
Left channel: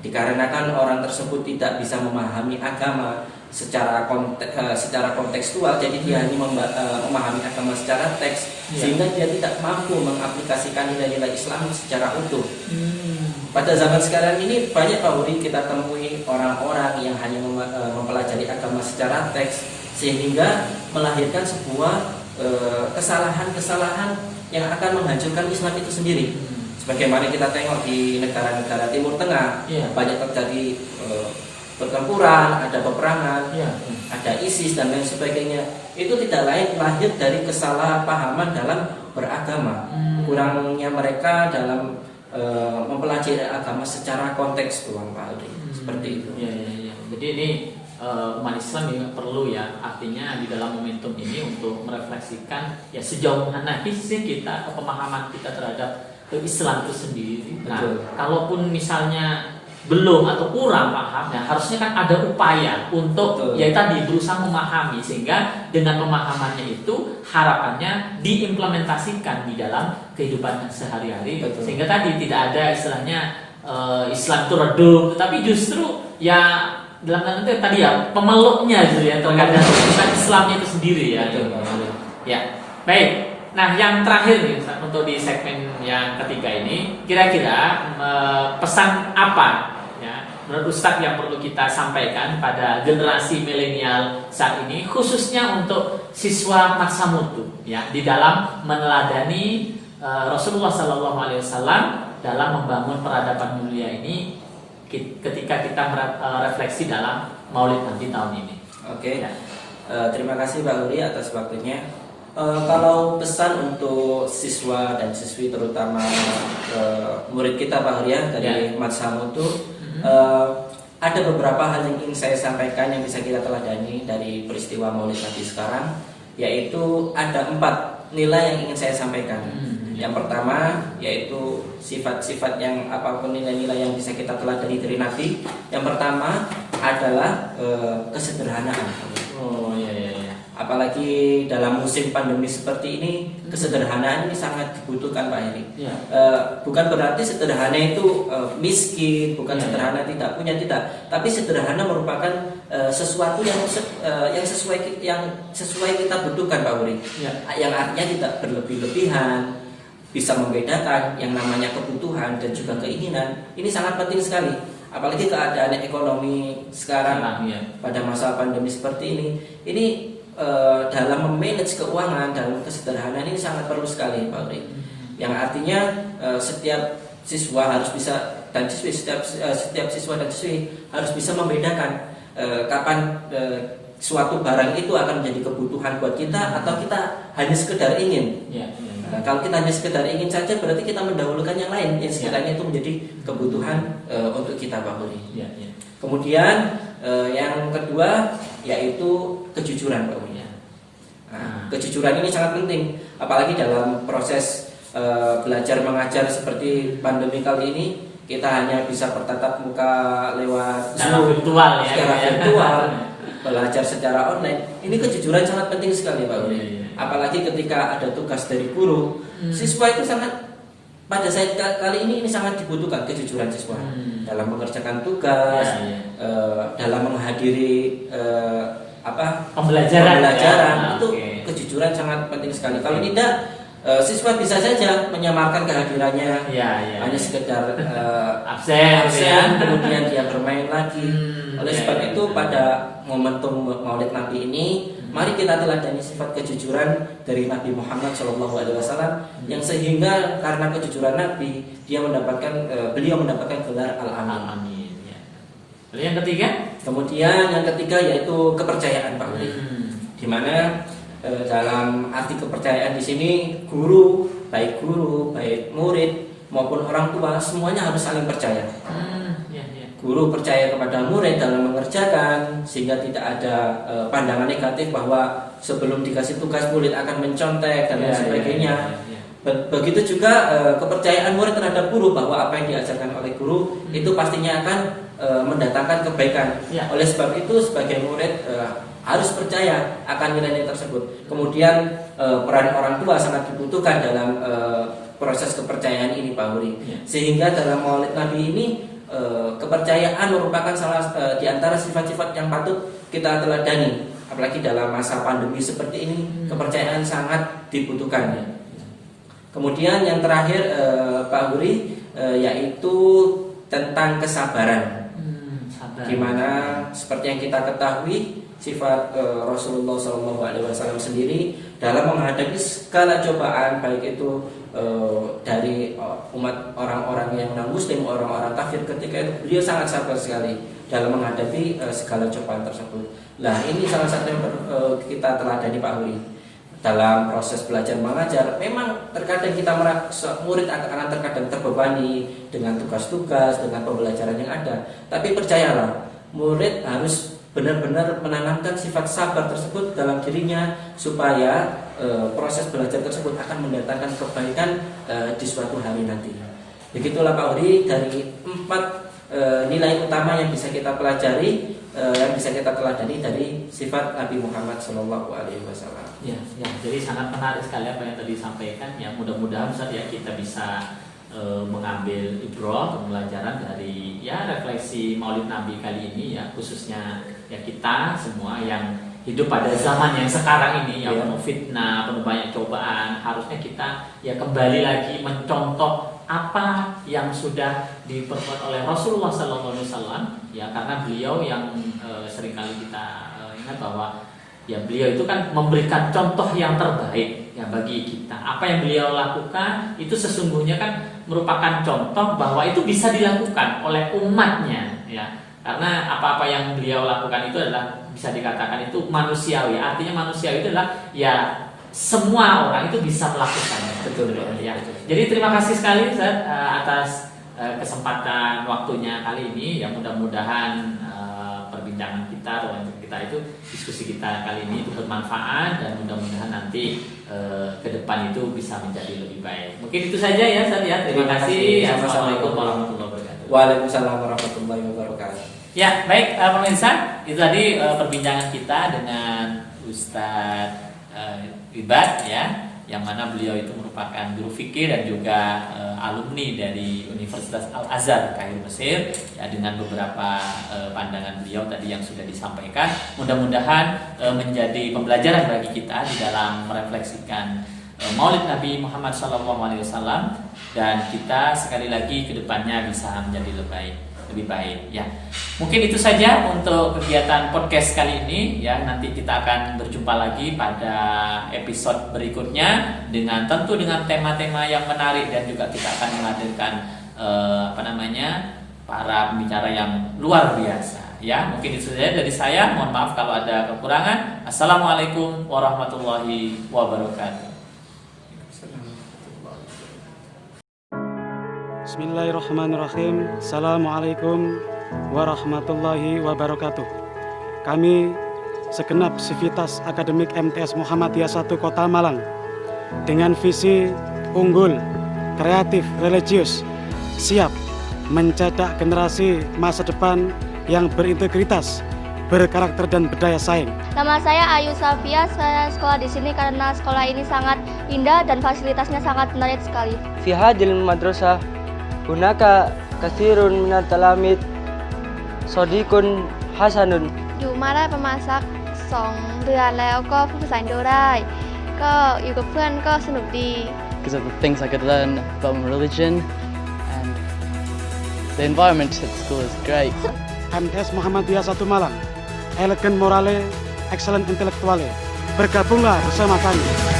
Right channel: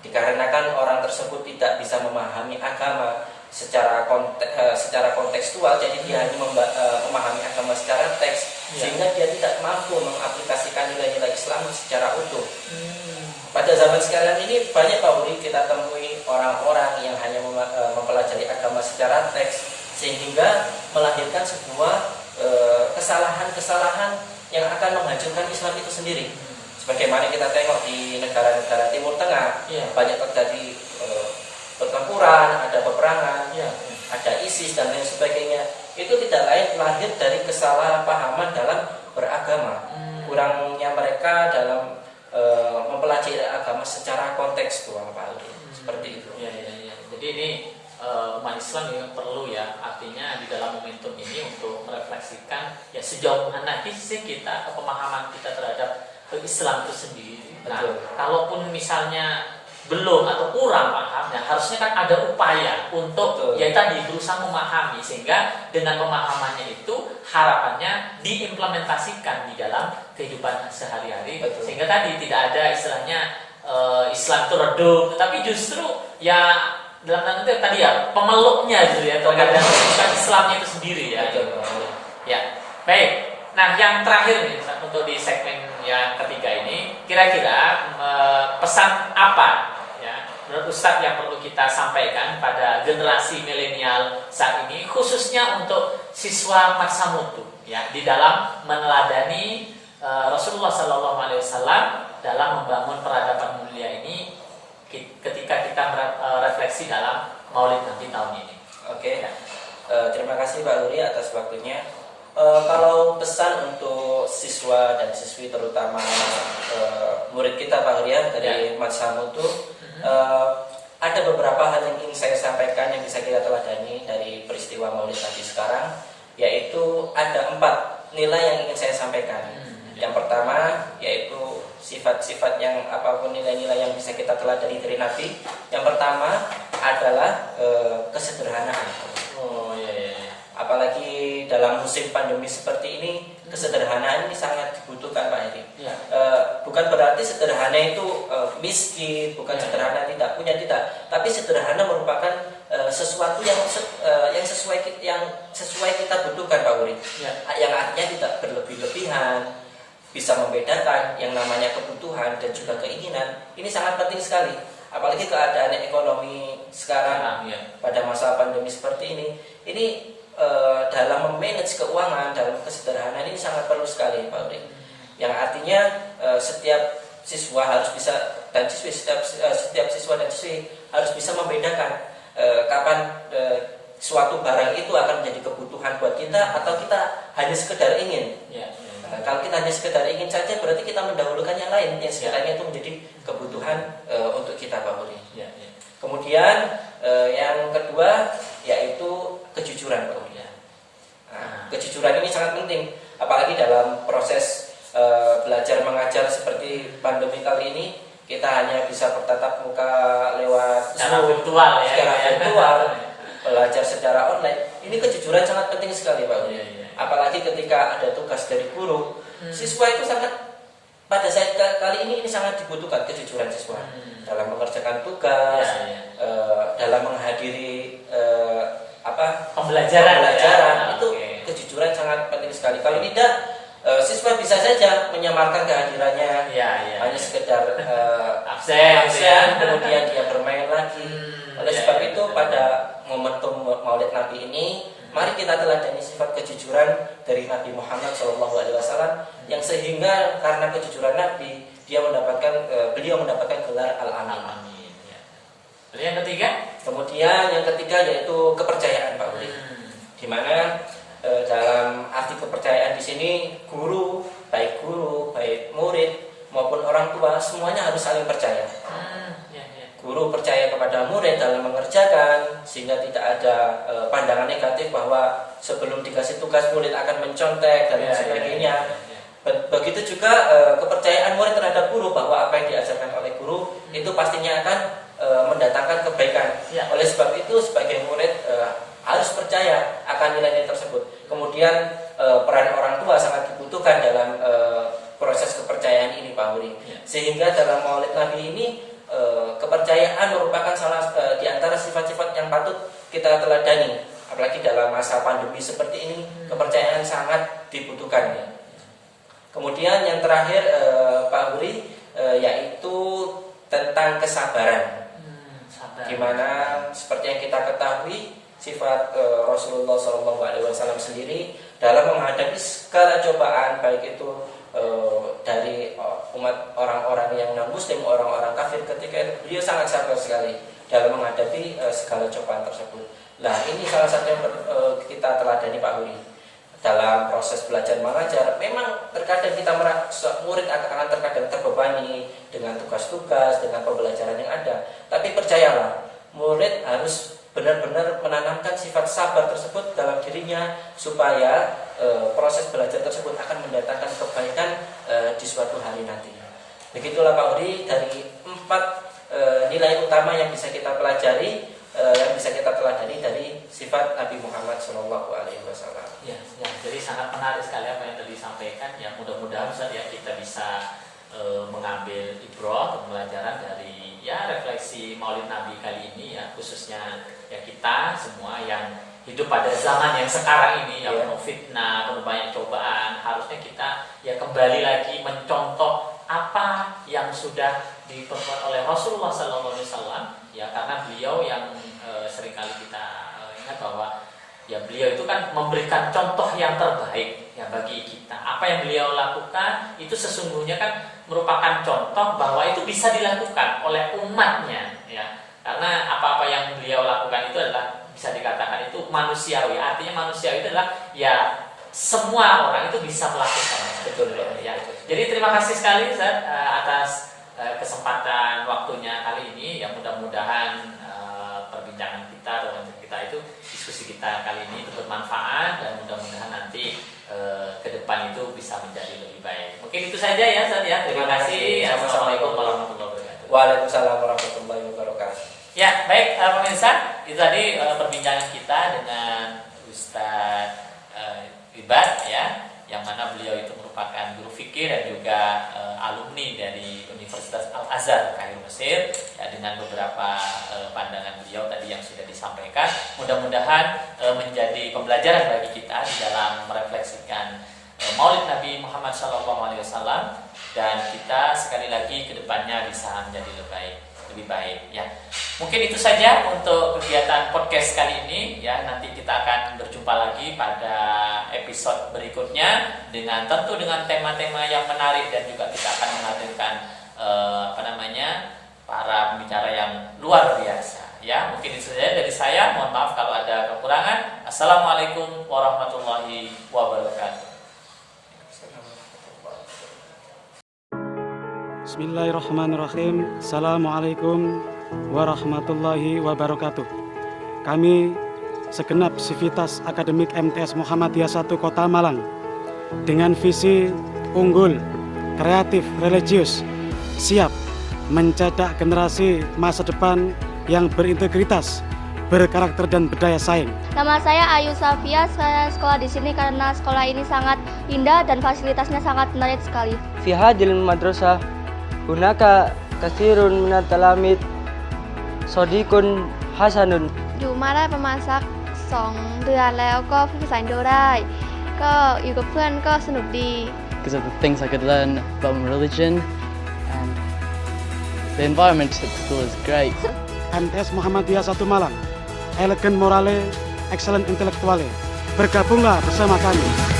Dikarenakan orang tersebut tidak bisa memahami agama secara kontekstual, jadi dia hanya memahami agama secara teks, sehingga dia tidak mampu mengaplikasikan nilai-nilai Islam secara utuh. Pada zaman sekarang ini banyak Pak Uri kita temui orang-orang yang hanya mempelajari agama secara teks, sehingga melahirkan sebuah kesalahan-kesalahan yang akan menghancurkan Islam itu sendiri. Sebagaimana kita tengok di negara-negara Timur Tengah, banyak terjadi pertempuran, ada peperangan, ada ISIS dan lain sebagainya. Itu tidak lain lahir dari kesalahpahaman dalam beragama, kurangnya mereka dalam mempelajari agama secara kontekstual, Pak Aldi. Seperti itu. Jadi ini umat Islam juga perlu ya, artinya di dalam momentum ini untuk merefleksikan ya sejauh mana sih kita pemahaman kita terhadap Islam itu sendiri. Nah, kalaupun misalnya belum atau kurang paham, ya harusnya kan ada upaya untuk ya tadi berusaha memahami, sehingga dengan pemahamannya itu harapannya diimplementasikan di dalam kehidupan sehari-hari, sehingga tadi tidak ada istilahnya Islam itu redup, tapi justru ya dalam tanda kutip tadi ya pemeluknya gitu ya, terkadang bukan Islamnya itu sendiri ya. Ya, baik. Nah, yang terakhir nih untuk di segmen yang ketiga ini, kira-kira pesan apa ya menurut Ustadz yang perlu kita sampaikan pada generasi milenial saat ini, khususnya untuk siswa masa mutu ya, di dalam meneladani Rasulullah SAW dalam membangun peradaban mulia ini ketika kita refleksi dalam Maulid Nabi tahun ini. Oke. Terima kasih Pak Uri atas waktunya. Kalau pesan untuk siswa dan siswi, terutama murid kita Pak Hurya dari Masa Mutu, ada beberapa hal yang ingin saya sampaikan yang bisa kita teladani dari peristiwa Maulid Nabi sekarang, yaitu ada 4 nilai yang ingin saya sampaikan. Yang pertama yaitu sifat-sifat yang apapun nilai-nilai yang bisa kita teladani dari Nabi. Yang pertama adalah kesederhanaan. Apalagi dalam musim pandemi seperti ini, kesederhanaan ini sangat dibutuhkan Pak Heri. Bukan berarti sederhana itu miskin, bukan sederhana tidak punya, tidak. Tapi sederhana merupakan sesuatu yang sesuai kita butuhkan Pak Heri. Yang artinya tidak berlebih-lebihan, bisa membedakan yang namanya kebutuhan dan juga keinginan. Ini sangat penting sekali. Apalagi keadaan ekonomi sekarang pada masa pandemi seperti ini dalam memanage keuangan dalam kesederhanaan ini sangat perlu sekali Pak Uri. Yang artinya setiap siswa harus bisa dan siswi setiap siswa dan siswi harus bisa membedakan kapan suatu barang itu akan menjadi kebutuhan buat kita atau kita hanya sekedar ingin. Kalau kita hanya sekedar ingin saja, berarti kita mendahulukan yang lain yang sekiranya itu menjadi kebutuhan untuk kita Pak Uri. Kemudian yang kedua yaitu kejujuran Pak Uri. Kejujuran ini sangat penting, apalagi dalam proses belajar mengajar seperti pandemi kali ini. kita hanya bisa bertatap muka lewat Secara Zoom, virtual ya, secara gitu ya. virtual, belajar secara online. Ini kejujuran sangat penting sekali Pak Uli. Iya, iya. Apalagi ketika ada tugas dari guru, siswa itu sangat, pada saat kali ini sangat dibutuhkan kejujuran siswa dalam mengerjakan tugas, Iya, iya. dalam menghadiri Pembelajaran ya. itu Oke. kejujuran sangat penting sekali. Kalau tidak, siswa bisa saja menyamarkan kehadirannya, Iya, iya. hanya sekedar Absen gitu ya. kemudian dia bermain lagi. Oleh iya, sebab iya, itu betul. pada momentum Maulid Nabi ini, mari kita teladani sifat kejujuran dari Nabi Muhammad SAW, yang sehingga karena kejujuran Nabi beliau mendapatkan gelar Al-Amin. Amin. Ya. Lalu yang ketiga? Kemudian yang ketiga yaitu kepercayaan Pak Uli. Di mana dalam arti kepercayaan di sini baik murid maupun orang tua semuanya harus saling percaya. Ya, ya. Guru percaya kepada murid dalam mengerjakan sehingga tidak ada pandangan negatif bahwa sebelum dikasih tugas murid akan mencontek dan lain sebagainya. Ya. Begitu juga kepercayaan murid terhadap guru bahwa apa yang diajarkan oleh guru itu pastinya akan mendatangkan kebaikan. Ya. Oleh sebab itu sebagai murid harus percaya akan nilai-nilai tersebut. Kemudian peran orang tua sangat dibutuhkan dalam proses kepercayaan ini Pak Huri. Ya. Sehingga dalam Maulid Nabi ini kepercayaan merupakan salah di antara sifat-sifat yang patut kita teladani. Apalagi dalam masa pandemi seperti ini, kepercayaan sangat dibutuhkan. Kemudian yang terakhir Pak Huri yaitu tentang kesabaran. Sabar. Di mana seperti yang kita ketahui sifat Rasulullah SAW sendiri dalam menghadapi segala cobaan, baik itu dari umat orang-orang yang non-muslim, orang-orang kafir, ketika itu beliau sangat sabar sekali dalam menghadapi segala cobaan tersebut. Nah, ini salah satu yang kita teladani Pak Huri dalam proses belajar mengajar. Memang terkadang kita merasa murid akan terkadang terbebani dengan tugas-tugas, dengan pembelajaran yang ada. Tapi percayalah, murid harus benar-benar menanamkan sifat sabar tersebut dalam dirinya supaya proses belajar tersebut akan mendatangkan kebaikan di suatu hari nanti. Begitulah Pak Huri dari 4 nilai utama yang bisa kita pelajari, yang bisa kita teladani dari sifat Nabi Muhammad SAW. Ya, jadi sangat menarik sekali apa yang tadi disampaikan. Ya, mudah-mudahan Ustaz ya kita bisa mengambil ibrah, pembelajaran dari refleksi Maulid Nabi kali ini ya, khususnya ya kita semua yang hidup pada zaman yang sekarang ini yang penuh fitnah, penuh banyak cobaan, harusnya kita ya kembali lagi mencontoh apa yang sudah diperbuat oleh Rasulullah SAW ya, karena beliau yang seringkali kita ingat bahwa ya beliau itu kan memberikan contoh yang terbaik ya bagi kita. Apa yang beliau lakukan itu sesungguhnya kan merupakan contoh bahwa itu bisa dilakukan oleh umatnya ya. Karena apa-apa yang beliau lakukan itu adalah bisa dikatakan itu manusiawi. Artinya manusiawi itu adalah ya semua orang itu bisa melakukannya. Betul ya. Jadi terima kasih sekali Ustaz atas kesempatan waktunya kali ini. Ya mudah-mudahan perbincangan kita atau kita itu diskusi kita kali ini itu bermanfaat dan mudah-mudahan nanti ke depan itu bisa menjadi lebih baik. Mungkin itu saja ya Ustaz ya. Terima kasih. Assalamualaikum warahmatullahi wabarakatuh. Waalaikumsalam warahmatullahi wabarakatuh. Ya, baik pemirsa, itu tadi perbincangan kita dengan Ustadz Ibad ya, yang mana beliau itu merupakan guru fikih dan juga alumni dari Universitas Al-Azhar Kairo Mesir ya, dengan beberapa pandangan beliau tadi yang sudah disampaikan. Mudah-mudahan menjadi pembelajaran bagi kita di dalam merefleksikan Maulid Nabi Muhammad SAW dan kita sekali lagi ke depannya bisa menjadi lebih baik ya. Mungkin itu saja untuk kegiatan podcast kali ini ya. Nanti kita akan berjumpa lagi pada episode berikutnya tentu dengan tema-tema yang menarik dan juga kita akan menghadirkan para pembicara yang luar biasa ya. Mungkin itu saja dari saya. Mohon maaf kalau ada kekurangan. Assalamualaikum warahmatullahi wabarakatuh. Bismillahirrahmanirrahim. Assalamualaikum warahmatullahi wabarakatuh. Kami segenap Sivitas Akademik MTS Muhammadiyah 1 Kota Malang dengan visi unggul, kreatif, religius, siap mencetak generasi masa depan yang berintegritas, berkarakter dan berdaya saing. Nama saya Ayu Safia, saya sekolah di sini karena sekolah ini sangat indah dan fasilitasnya sangat menarik sekali. في هذه المدرسة هناك كثير من التلاميذ صديق حسن อยู่มาได้ประมาณสัก2 เดือนแล้วก็พูดภาษาอินโดได้ ก็อยู่กับเพื่อนก็สนุกดี because of the things I could learn about my religion, and the environment at school is great. MTS Muhammadiyah 1 Malang, elegan morale, excellent intelektuale. Bergabunglah bersama kami.